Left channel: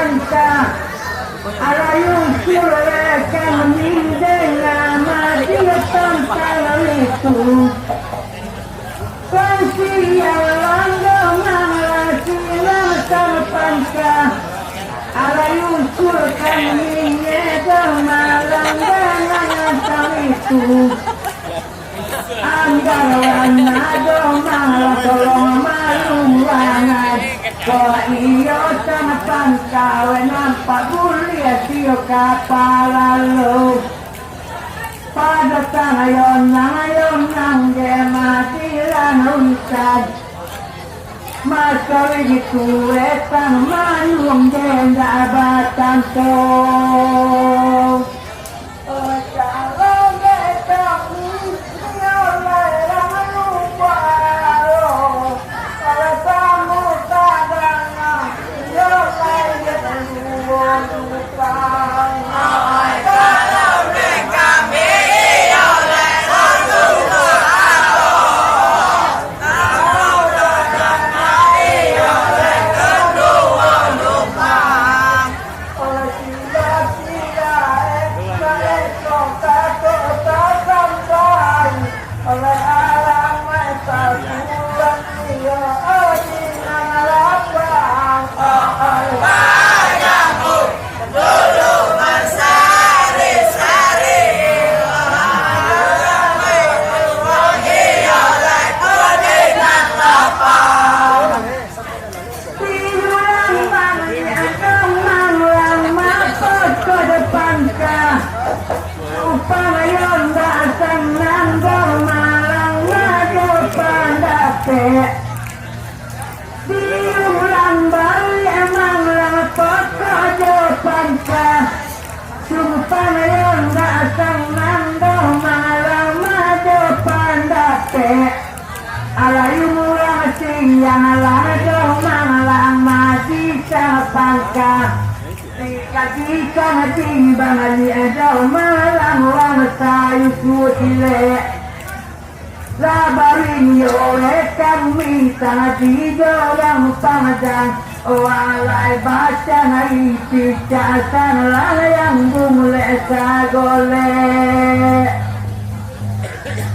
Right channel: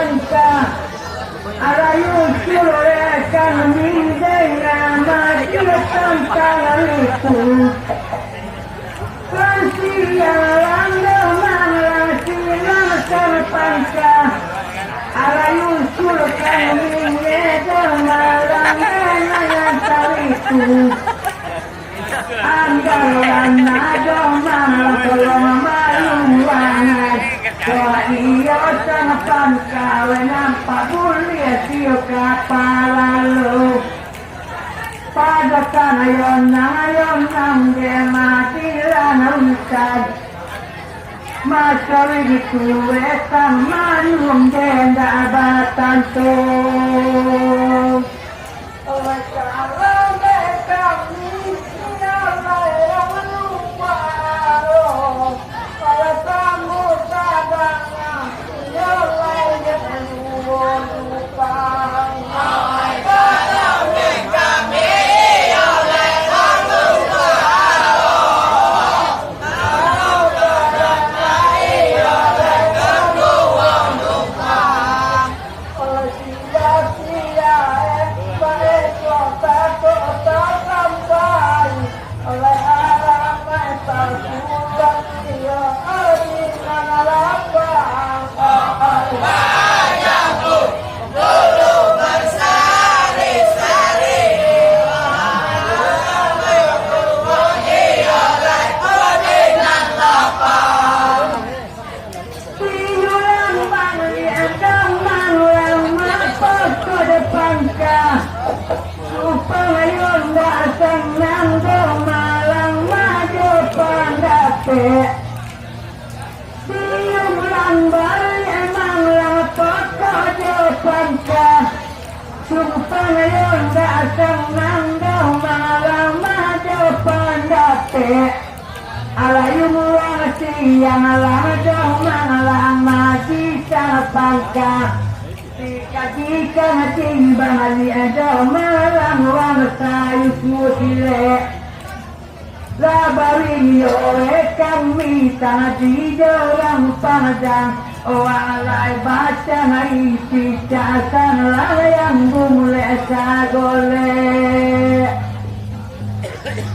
panca Arayu sure kami dengan mati tentang itu Kansialan demang silakan panca Arayu sure kami dengan tentang itu Anggaran domang tolong mayuangan Kau iyo sang pangkawe nampak bulia siyo kapalalu Pada tangayon nang gematilan unsad Masawi dituwe kang manung genda batan to Alayu murang siyang ladong manglang mati sa pangka Jika ting bangali adaw malang wang tayo sutile Labarin yo kami tadi dorang panjang Walay baca ngaisi casan layang bungle sa gole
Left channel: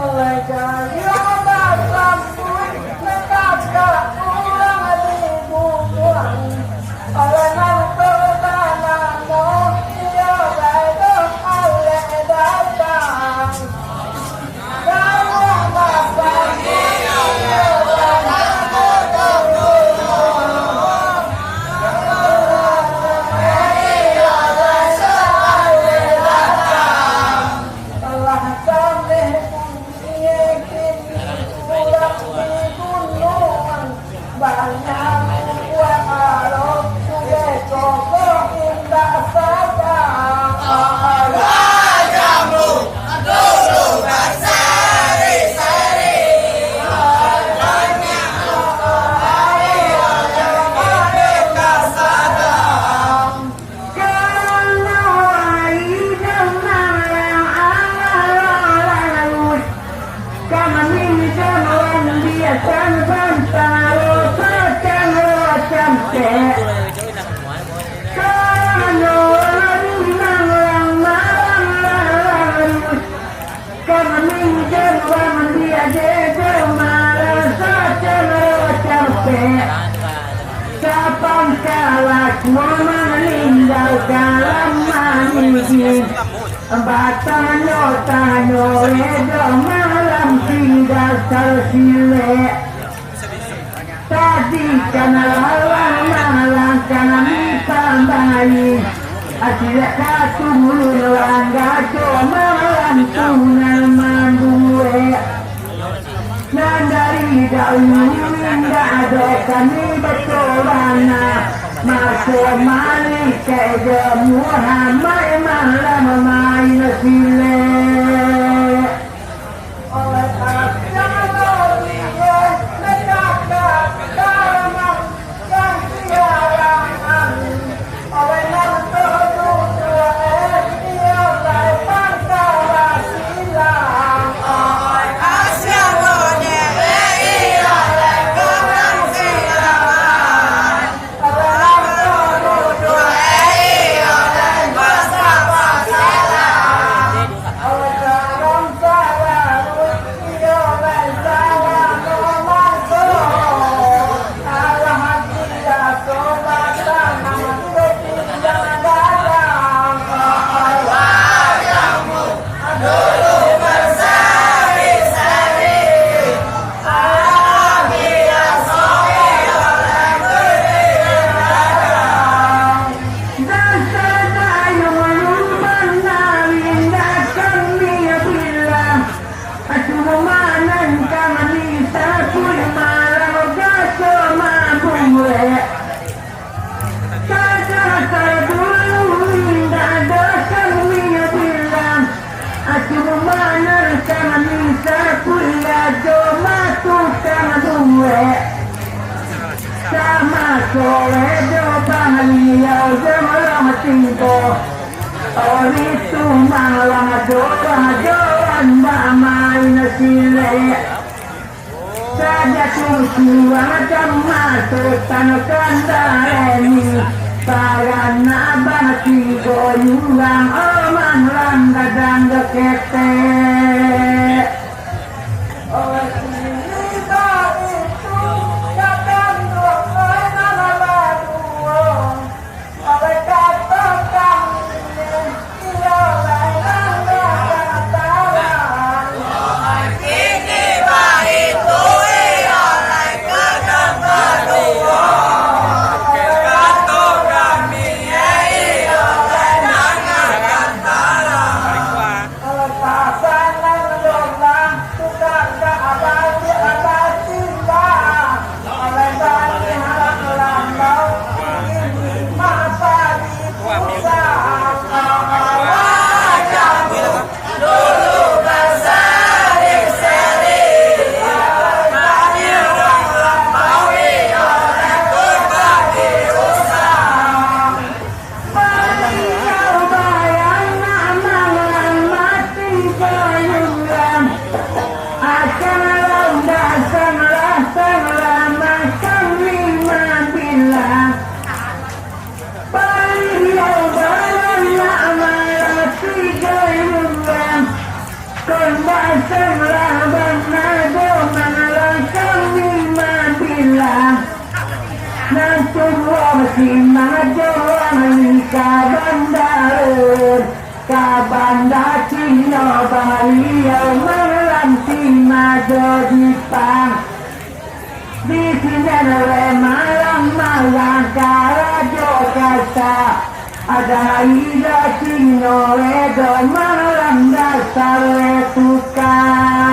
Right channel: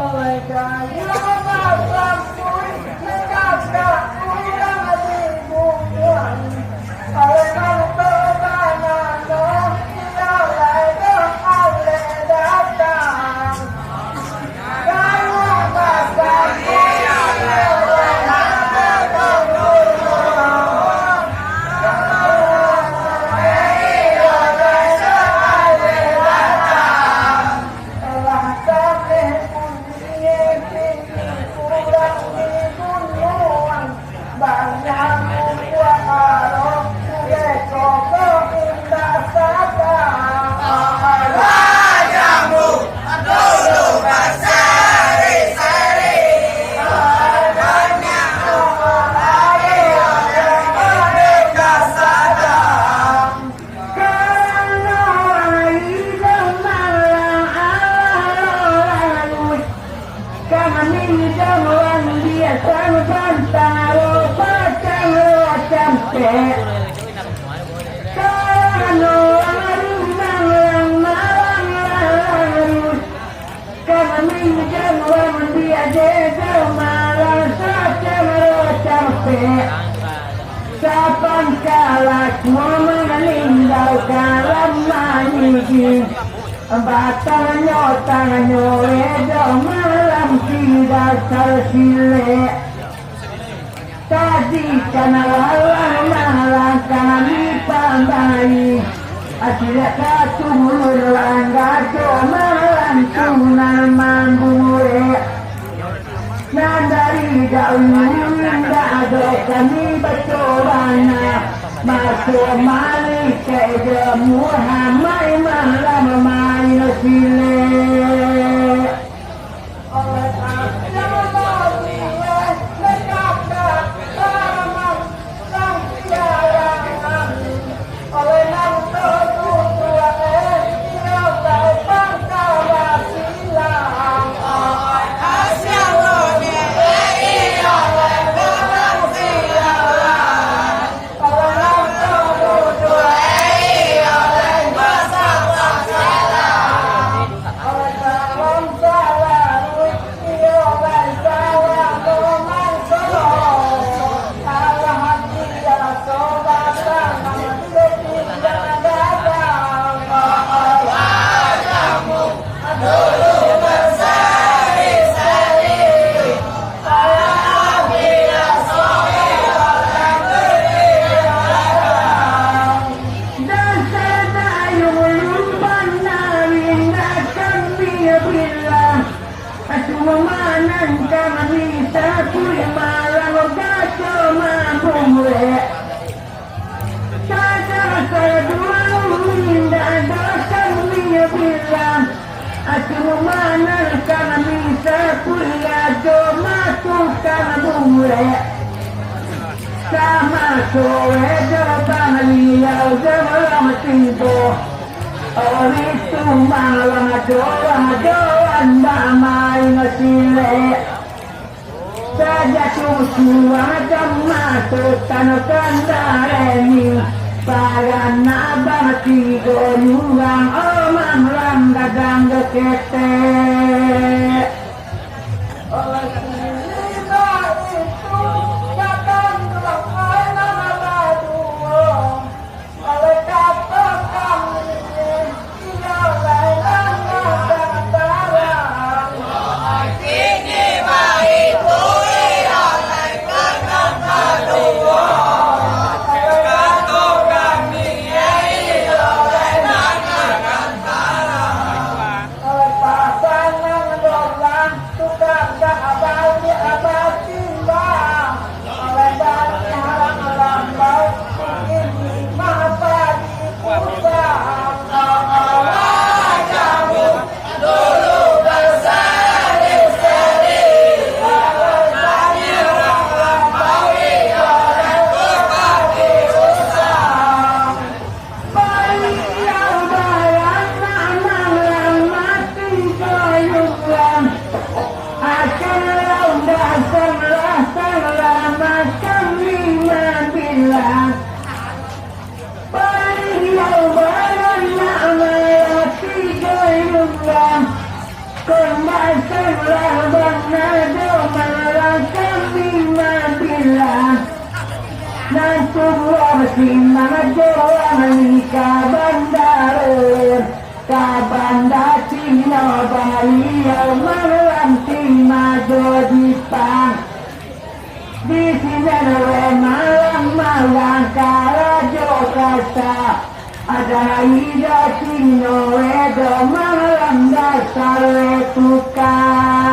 Oleh kayo masampun Nakakala ulang alibubuan Oleh nangtobanan no Iyolay dong ale datang Kayo masampun Iyolay Sapang kalak meninggalkan lamanya Batanya tano edo malam tinggal tersile Tadi kana lalang malang kami pandai Tidak katulur langgajo malam tunan mambure Nandari daun nggak ada kami betulana Masuk malik ke Muhammad malam main sile Oleh Sowedo Banglia Zemala Timbo Oritu Malang Doa Doan Bamai Nasile Saja Tusuwa Dhamma Sertanakan Dareni Sarana Bhakti Goyulang Omang Randa Dangga Kete Kabanda Cina Balia Malam Cina Jepang di sini malam Karajo Kata ada Ida Cina Redo malam dasar tukang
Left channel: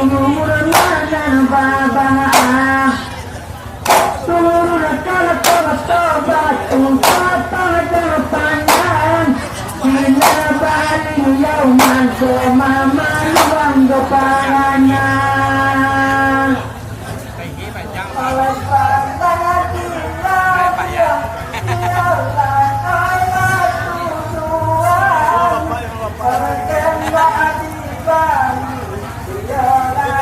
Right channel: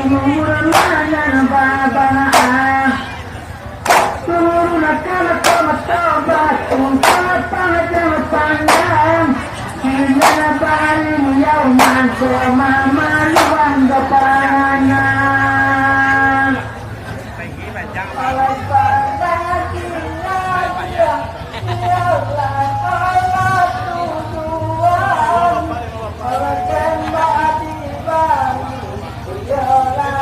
umur dan babaan turun kalau tobat ungkapan jangan pandang bila balik yauman semaman depannya oleh pada gila dia ialah Allah Tuhan oleh tembak di balik ialah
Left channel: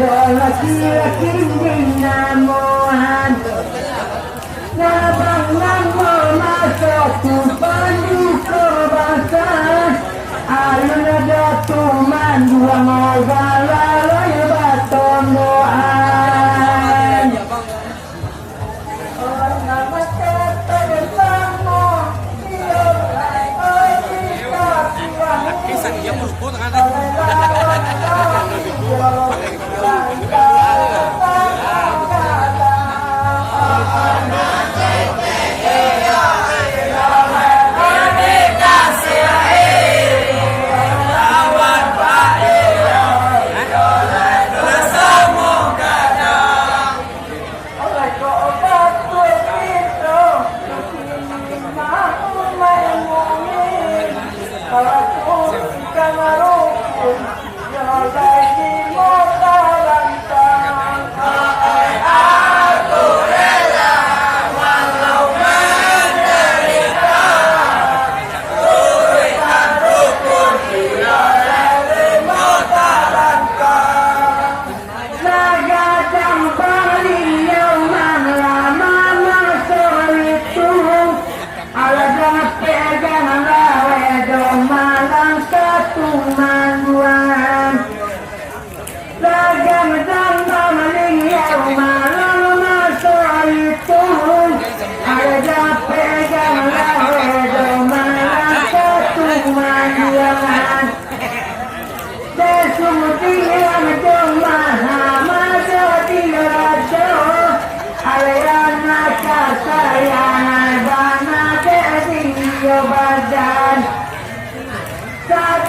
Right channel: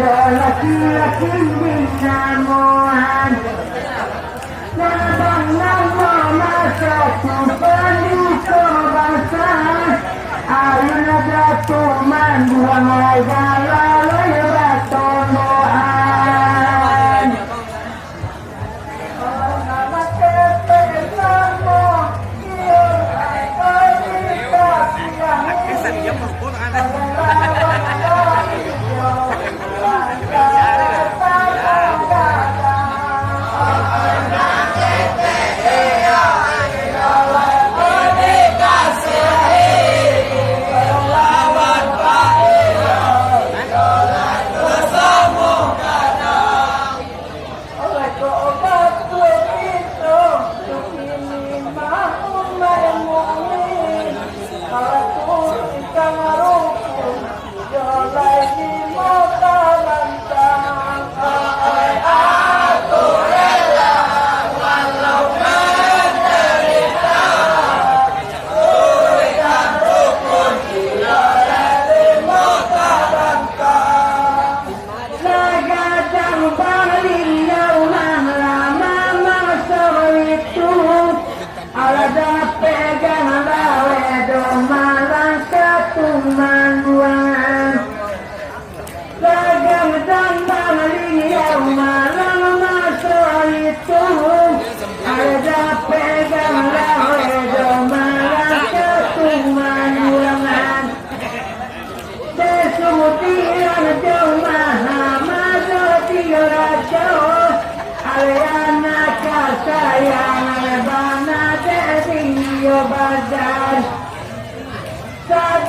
kita laki-laki dinamuan Nabang nama satu panduka bangsa Ayun na datuman dua magalalay batonoan Oh nama kepesan mo Iyong ay kita silang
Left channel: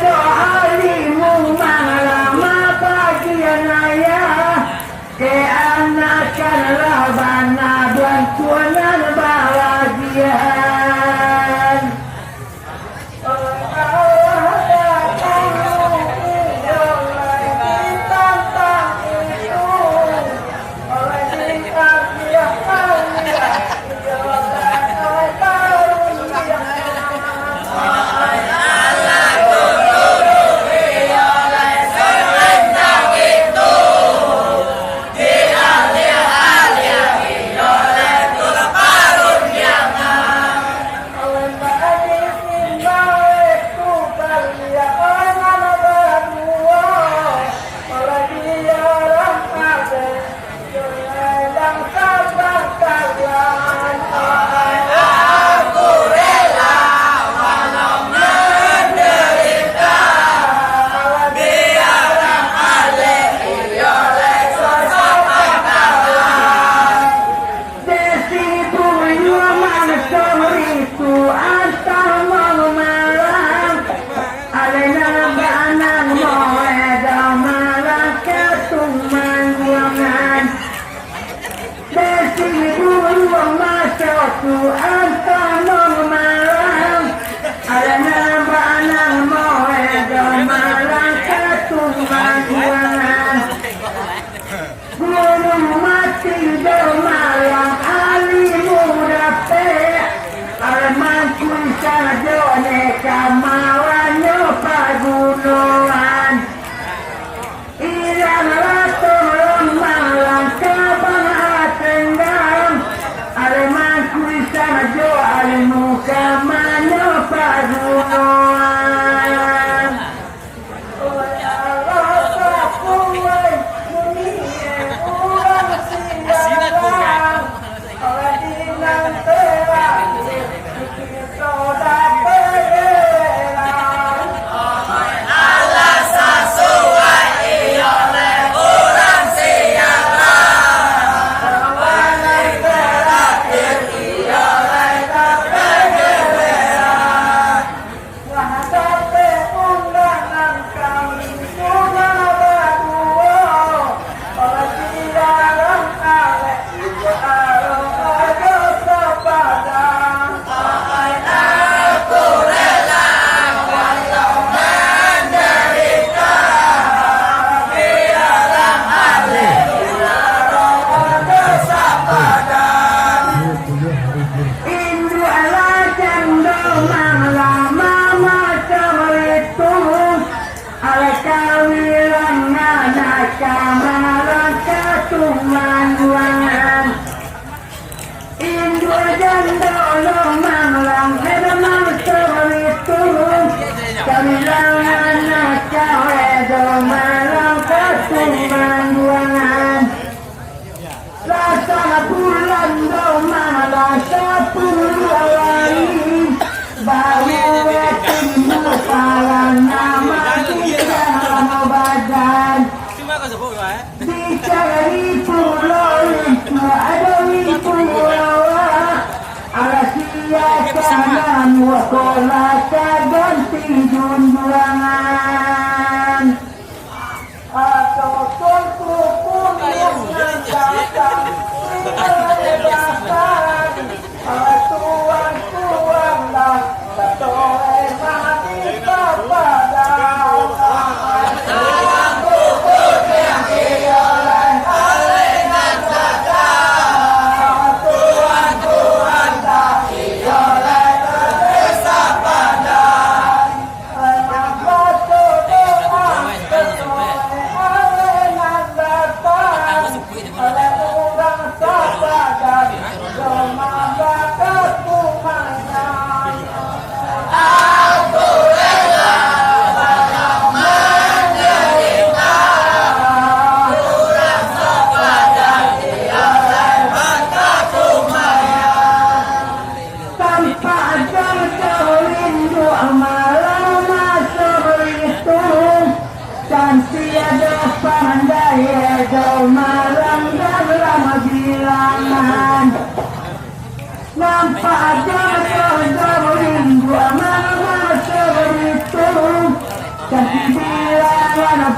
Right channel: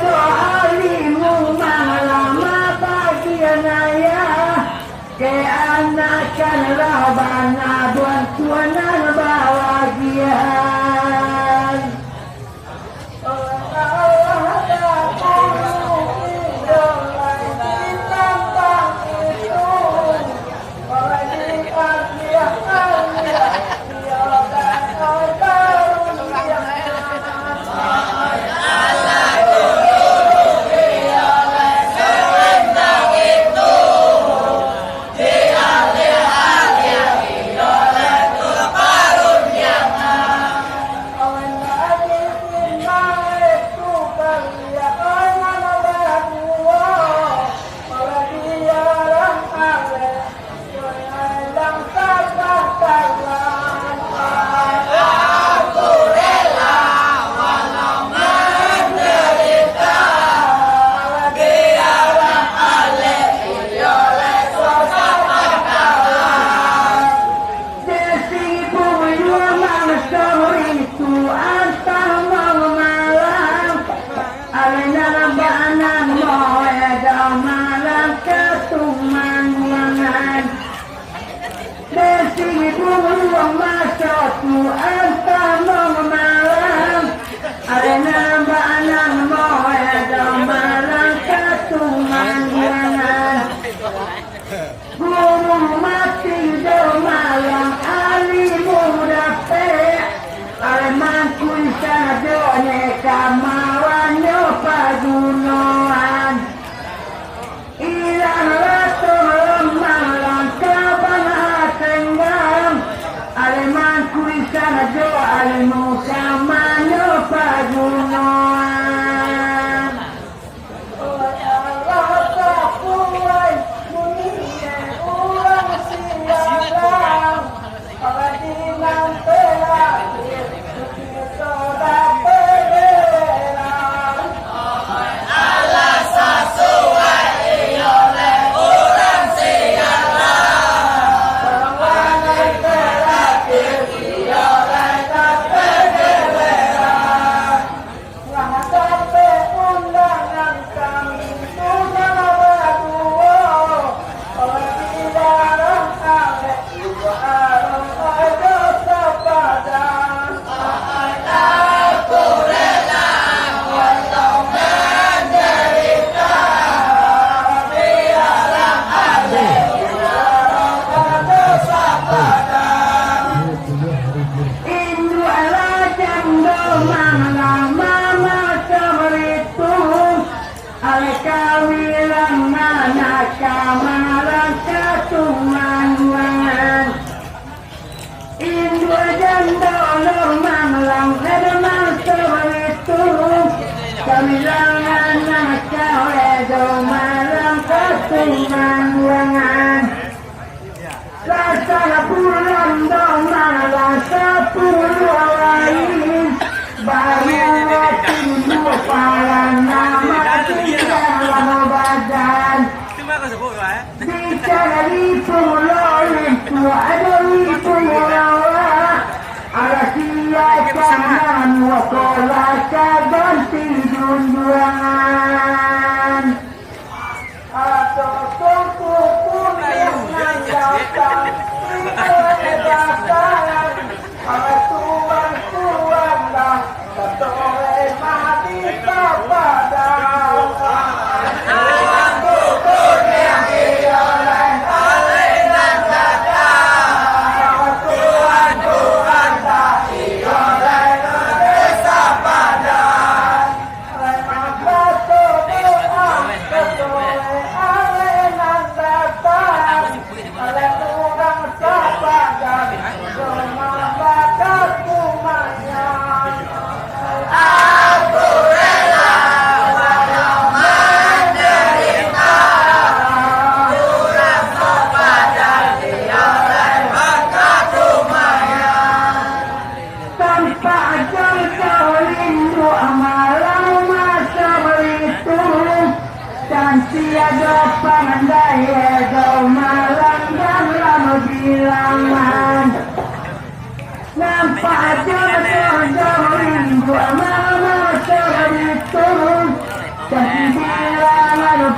alimu malama pagianaya ke anakan labana bantuan bahagian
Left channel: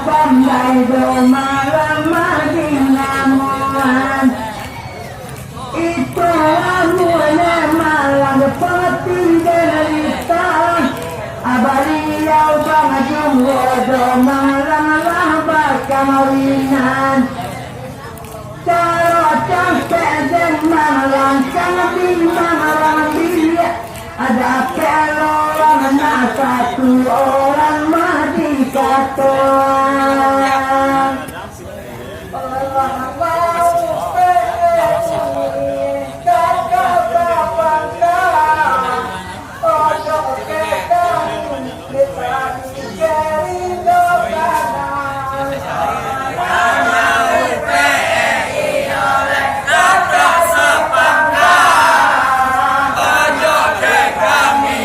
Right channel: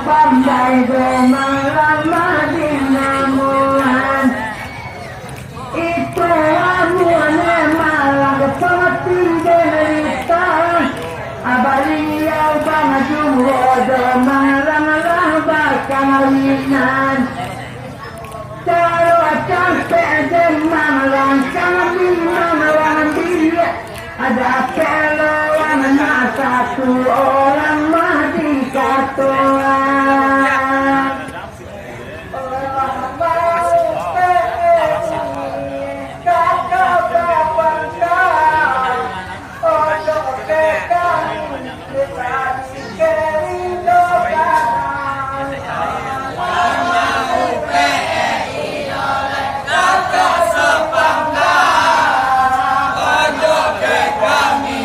pandai domalan madinamuan itu amuannya malang seperti derita abariau bang jumbo domalang labak kawinan cara capek dan malang kami malang dia ada peluang satu orang mati katoan Allah mau penyuh kakak bapangkan ojo kekan kita dikeri dokanan mau penyuh kakak sepangkan ojo kekami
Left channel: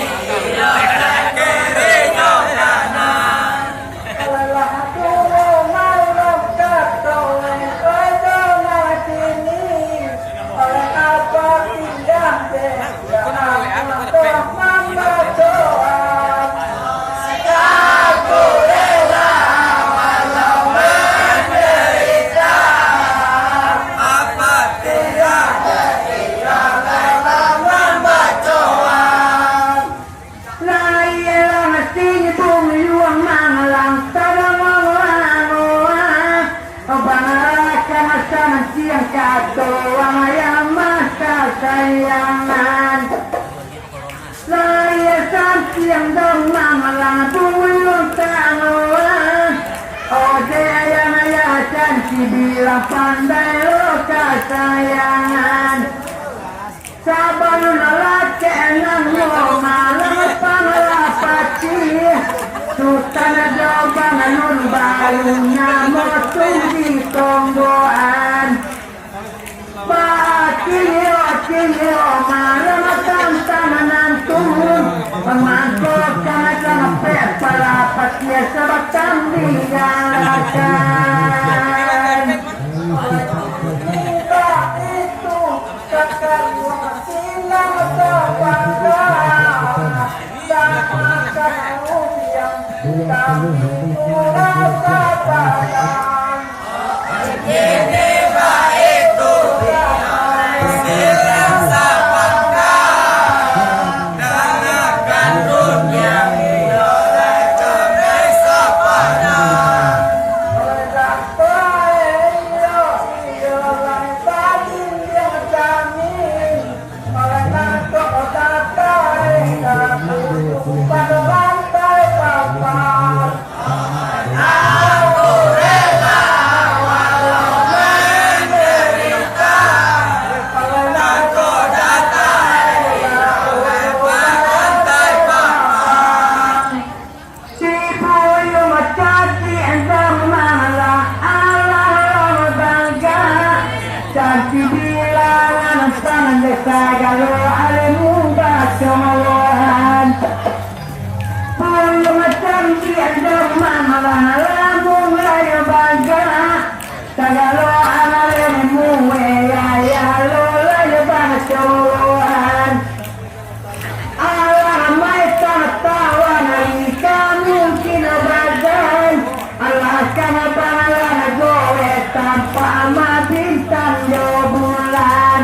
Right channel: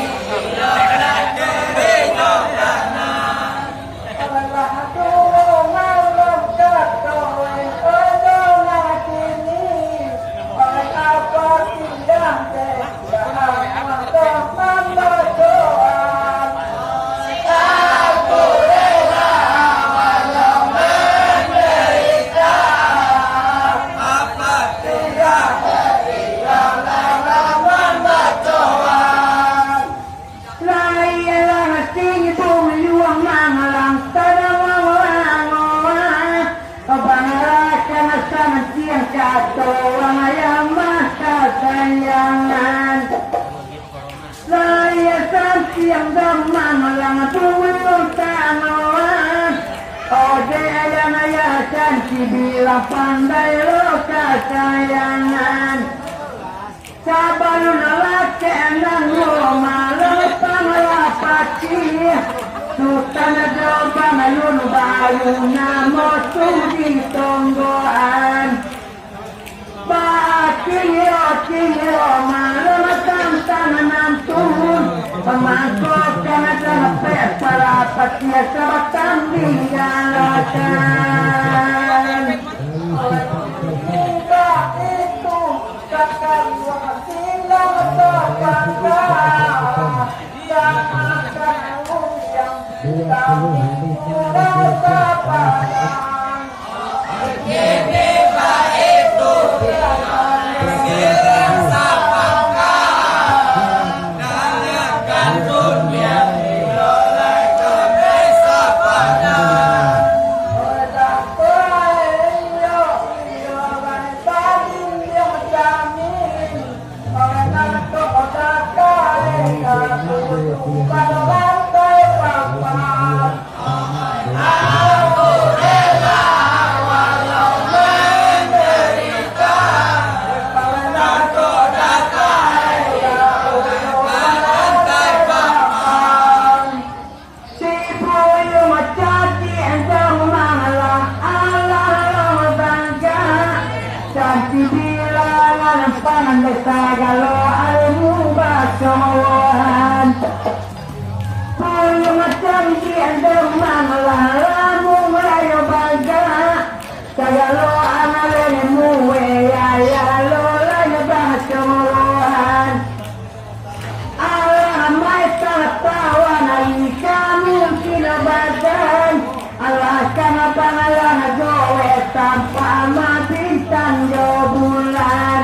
sayangan layasan siang demang lang tuwing tanoan ojeyan ayasan bilang pandai loka sayangan sabalun lakenang malam panglapati sultan jawab alun bayu namo sudi tonggoan Kilo malam tangan turun pemangkot karena sampai para patia sabatang digalakan kita itu kakak silang kepada sama kanung yang kami rasa padang ini baik tuh Sagalo alemu basoan Palu macam tiada mamalamu melayu baga Sagalo alemu ya lo layu basoan Allah mai tatawan ali kami kinabadan Allah kana pangalan gowe tanpa mabintang do bulan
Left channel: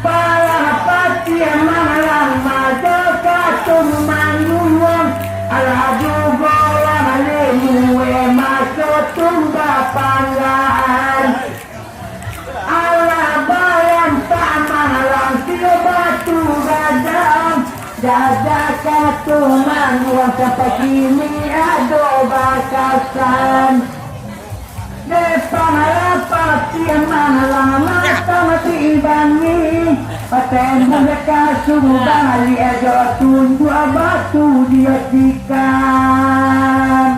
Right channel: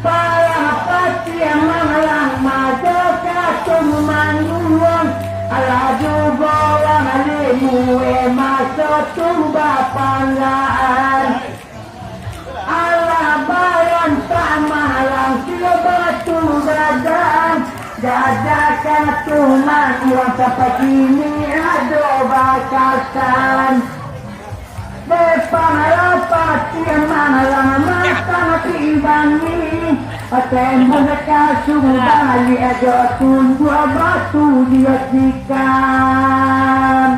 para pasien malang madoka tumanguang ala juga lemu masuk tumba panggaan ala bayam tak malang silo batu gadang jajakan tumanguang sampai kini ada bakasan depan pasien malang mati bangi tembok mereka suruh balik ada tunggu batu dia sikan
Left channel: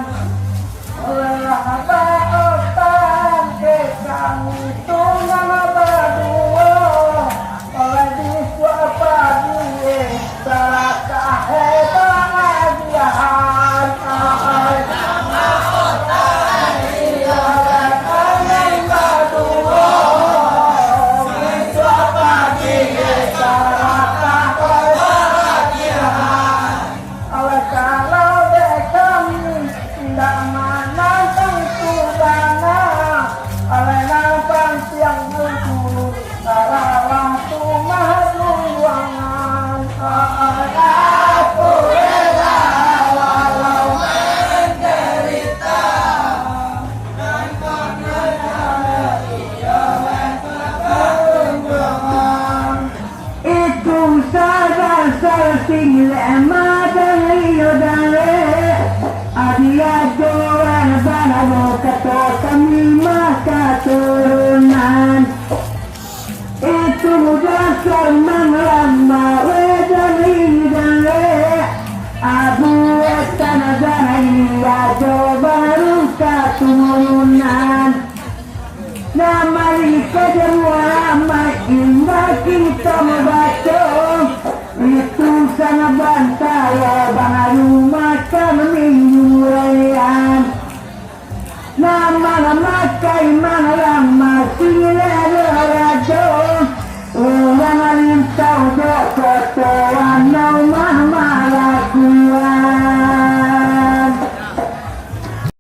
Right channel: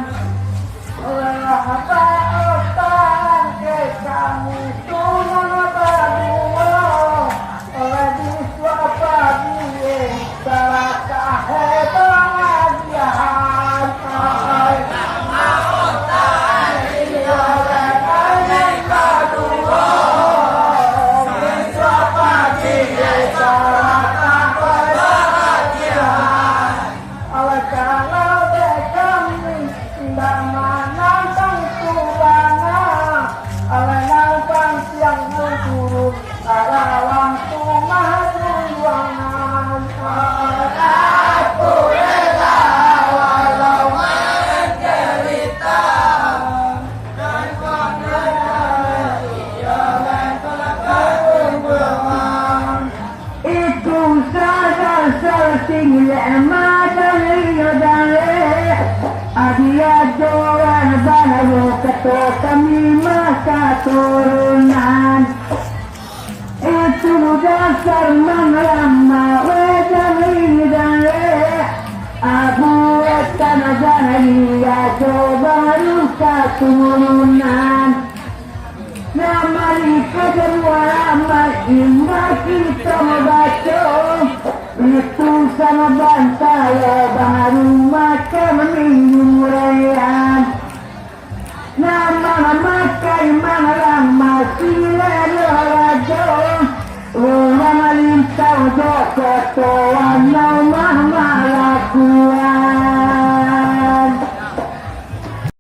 Allah otan ke kamu tulang berdua oleh di suapa dia salah hebat dia Kalau